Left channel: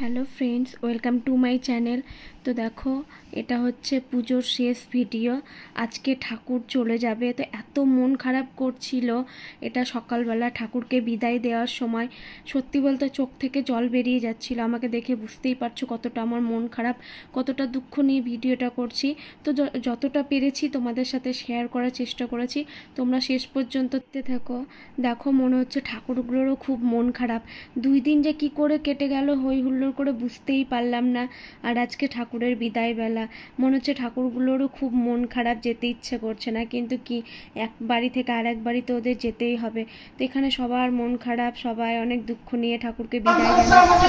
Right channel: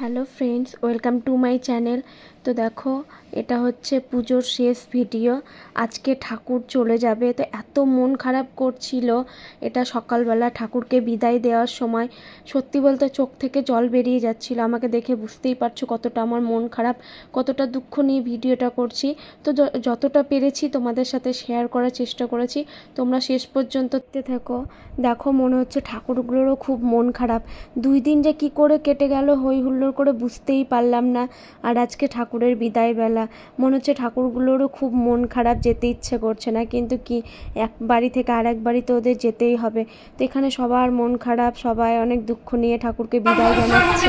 Hello friends, welcome to my channel. তো দেখো, এটা হচ্ছে পুজোর শেষ ভিডিও। আজকে ঠাকুর চলে যাবে, তো এত মন খারাপ করছিল এটা সকালবেলা ঠাকুরকে বিদায় দেওয়ার সময়। সত্যি বলতে চোখ থেকে জল বেরিয়ে যাচ্ছিল। আমাকে দেখে বুঝতেই পারছো কতটা আমার মন খারাপ, কতটা দুঃখ নিয়ে ভিডিওটা করছি। তো যতটা পেরেছি তোমাদের সাথে শেয়ার করার চেষ্টা করেছি। তোমরা শেষ পর্যন্ত থেকো। দেখো, মনে হচ্ছে ঠাকুরগুলোরও খুব মন খারাপ। 2 দিন যে কি করে কেটে গেল হই হুল্লোড় করে বুঝতেই পারলাম না। আর আজকে ঠাকুরের বিদায় বেলা, মনে হচ্ছে ঠাকুরগুলোরও খুব মন খারাপ, যেতে ইচ্ছে করছে না, কিন্তু কি এক বাড়ি থেকে আরেক বাড়ি তো ওদের যেতেই হবে। তো এখানে সবার মন খারাপ, সবাই অনেক দুঃখ নিয়ে ঠাকুরকে বিদায় জানাচ্ছে।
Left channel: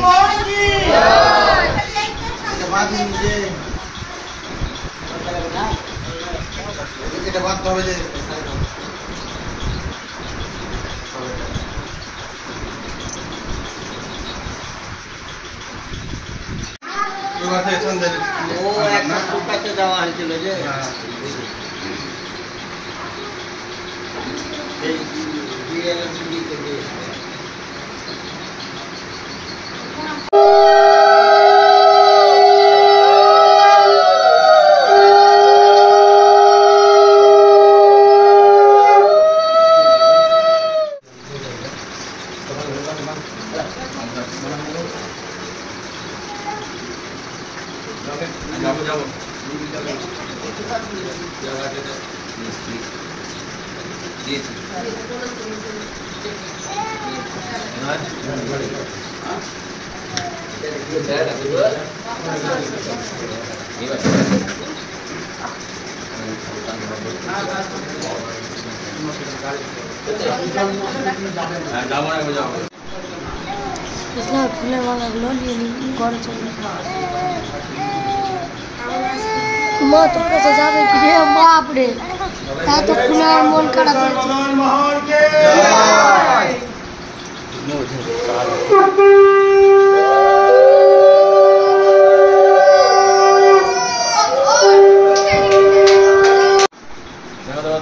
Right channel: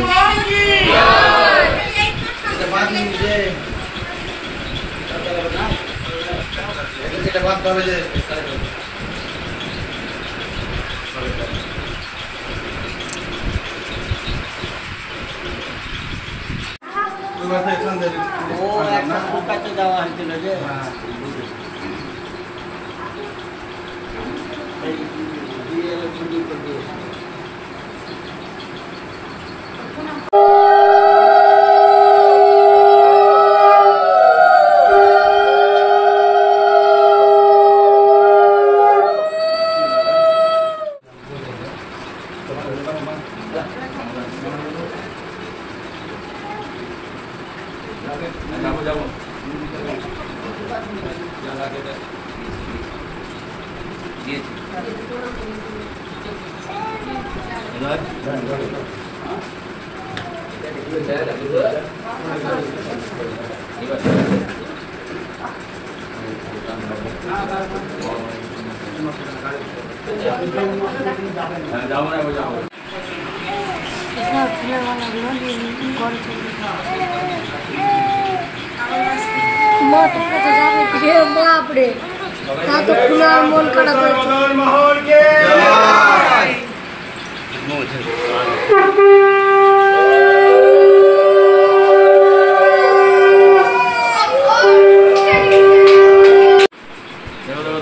বাপরে, মন খারাপ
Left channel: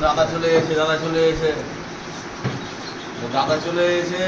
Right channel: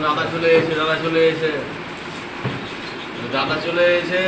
দাদা চলে এসে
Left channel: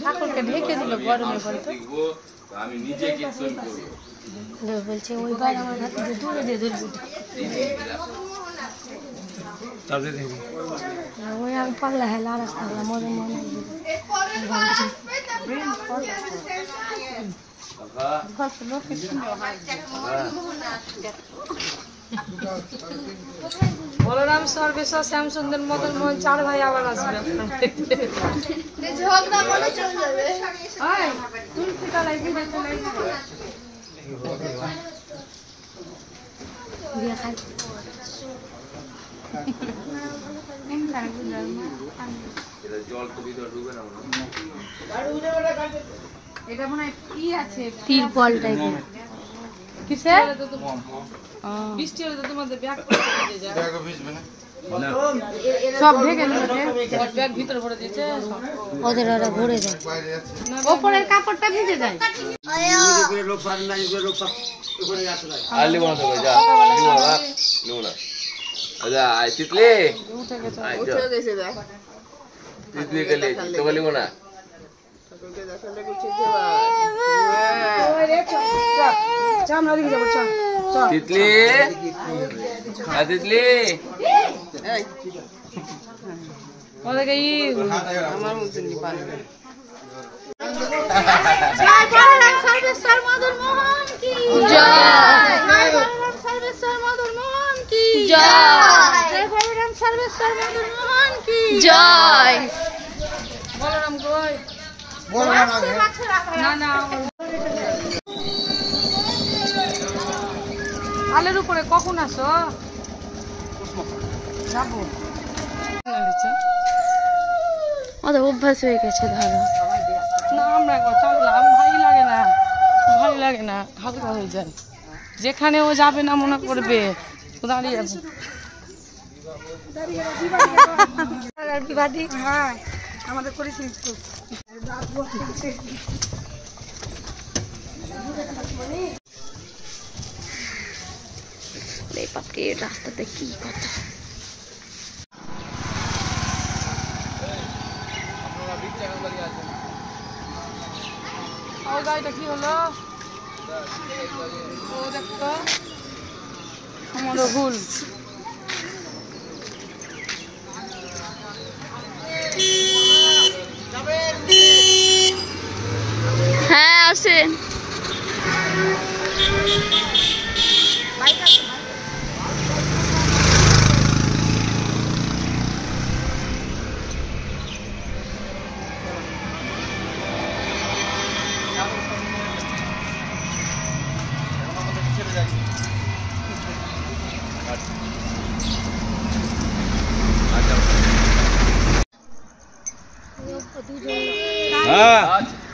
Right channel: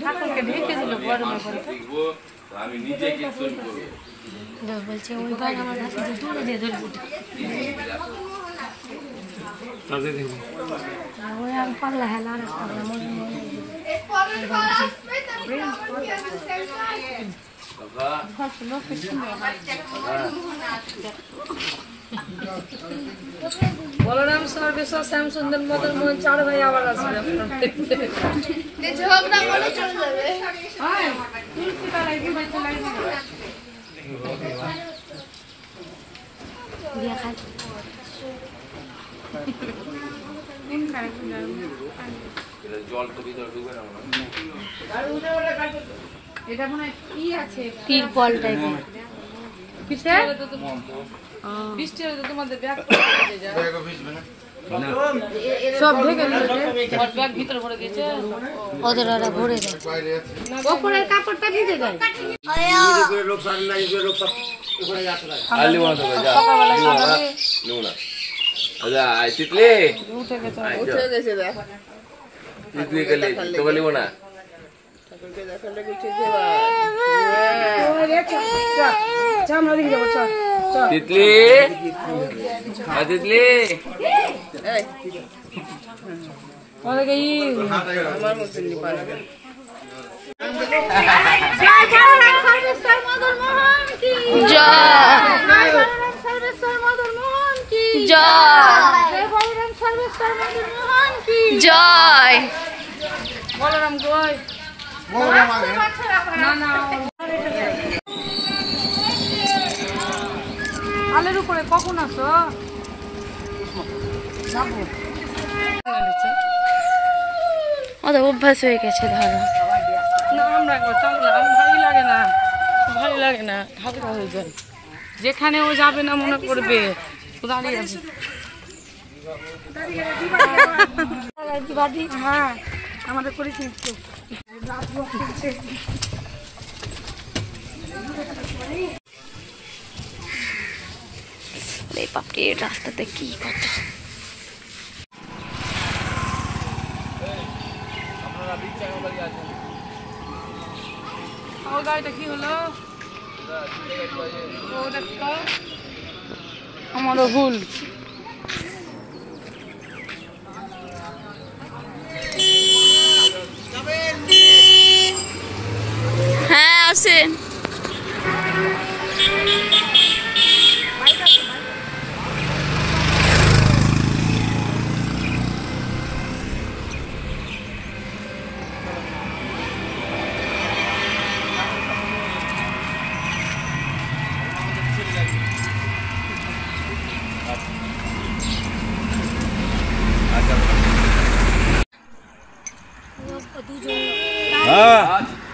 ঠাকুরকে ঢেকে দিল আমি নিজে কিছু বলছি ওই বার আমার হাতে দূরে দিয়ে ধরবো ওই আমি পাগলা হেলা আর পাগলা বলরাম সর্বেশ্বর শ্যাম সুন্দর মদন মোহন 4 ভাই আবার আসবে জল তো ভিতরে ঢুকবে না। এটা মনে হয় কি আছে, তিরপল টাইপের কিসে বৃষ্টি হলে তো তোমাদের ব্যাগ ভিজে যায়। ব্যাগও ভিজবে না, সব ঢেকে নিয়েছে, ব্যাগ ভিতরে ভরে দিয়েছে, ওদের ওরা ভরে যায়, উপরের কাপড়টা ভিজে যায়। উপরে লোক সার নাই, লোক সব উপরে আসলে আলি বন্ধ করে যা নোনা আজা আই তিতলি উঠে গেছে দা তিতলি গেলে তো বলিব না ঠাকুরকে দেখালে কিছু দেবা ওই রে চা চা নদী যাব চা চা তিতলি আ তিতলি এই ওরে গই আমার মতন নি পারবে জয় জয় সর্বেশ্বর মদন মোহন কি জয় সর্বেশ্বর মদন মোহন কি জয় জয় বলরাম সর্বেশ্বর মদন মোহন কি জয় বলরাম জয় না না আলের উপরে কখন আসো যাবো ওদের অভ্যাস হয়ে গেছে ধরো। না আমরা চললাম ভালো লাগে না হালকা হয়ে যায় যেখানে ও যাবে না মনে করবে দাঁড়িয়ে আছে আমাদের করেছি বাপরে রাস্তাতে কি কত গাড়িটা কি হলো আমারও ভুল হ্যাঁ আসেন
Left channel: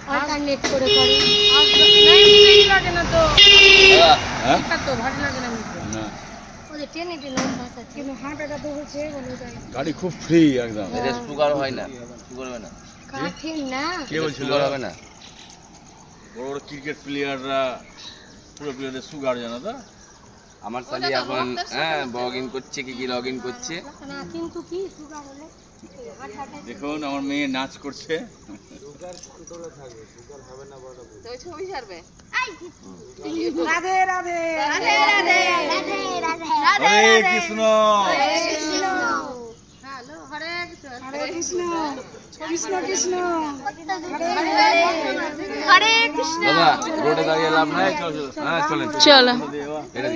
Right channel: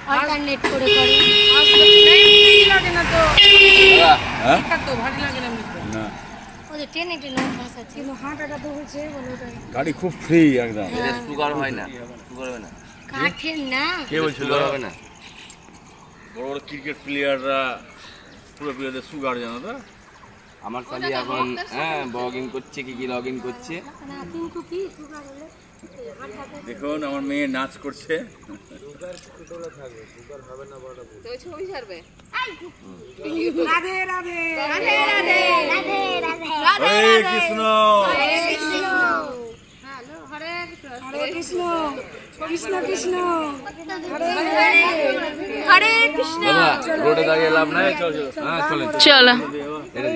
অল্টারনেট করে করে লাগে না তো তো ভারী লাগে না ওদের ট্রেনে ট্রেনে অভ্যাস আছে কিন্তু হাঁটাটা তো হচ্ছে বলে গাড়ি খুব ফ্রি একদম। সুগার হয় না সুগার হয় না কাঠের না কে বলছিল হবে না বড় বড় ক্রিকেট প্লেয়াররা পুরো প্লেয়ারদের সুগার জানো তো? আমার শালি এখন হ্যাঁ লগ ইন করছে কি লগ ইন করছে না কিন্তু কি সুগার হলে হাঁটাটা দেখুন আমার মেয়ে নাচ করছে। রাধে রাধে রাধে রাধে রাধে রাধে হরে কৃষ্ণ হরে কৃষ্ণ কৃষ্ণ কৃষ্ণ হরে কৃষ্ণ দাদা রোডে দাঁড়িয়ে লাভ নাই হ্যাঁ চলেন চলো এটা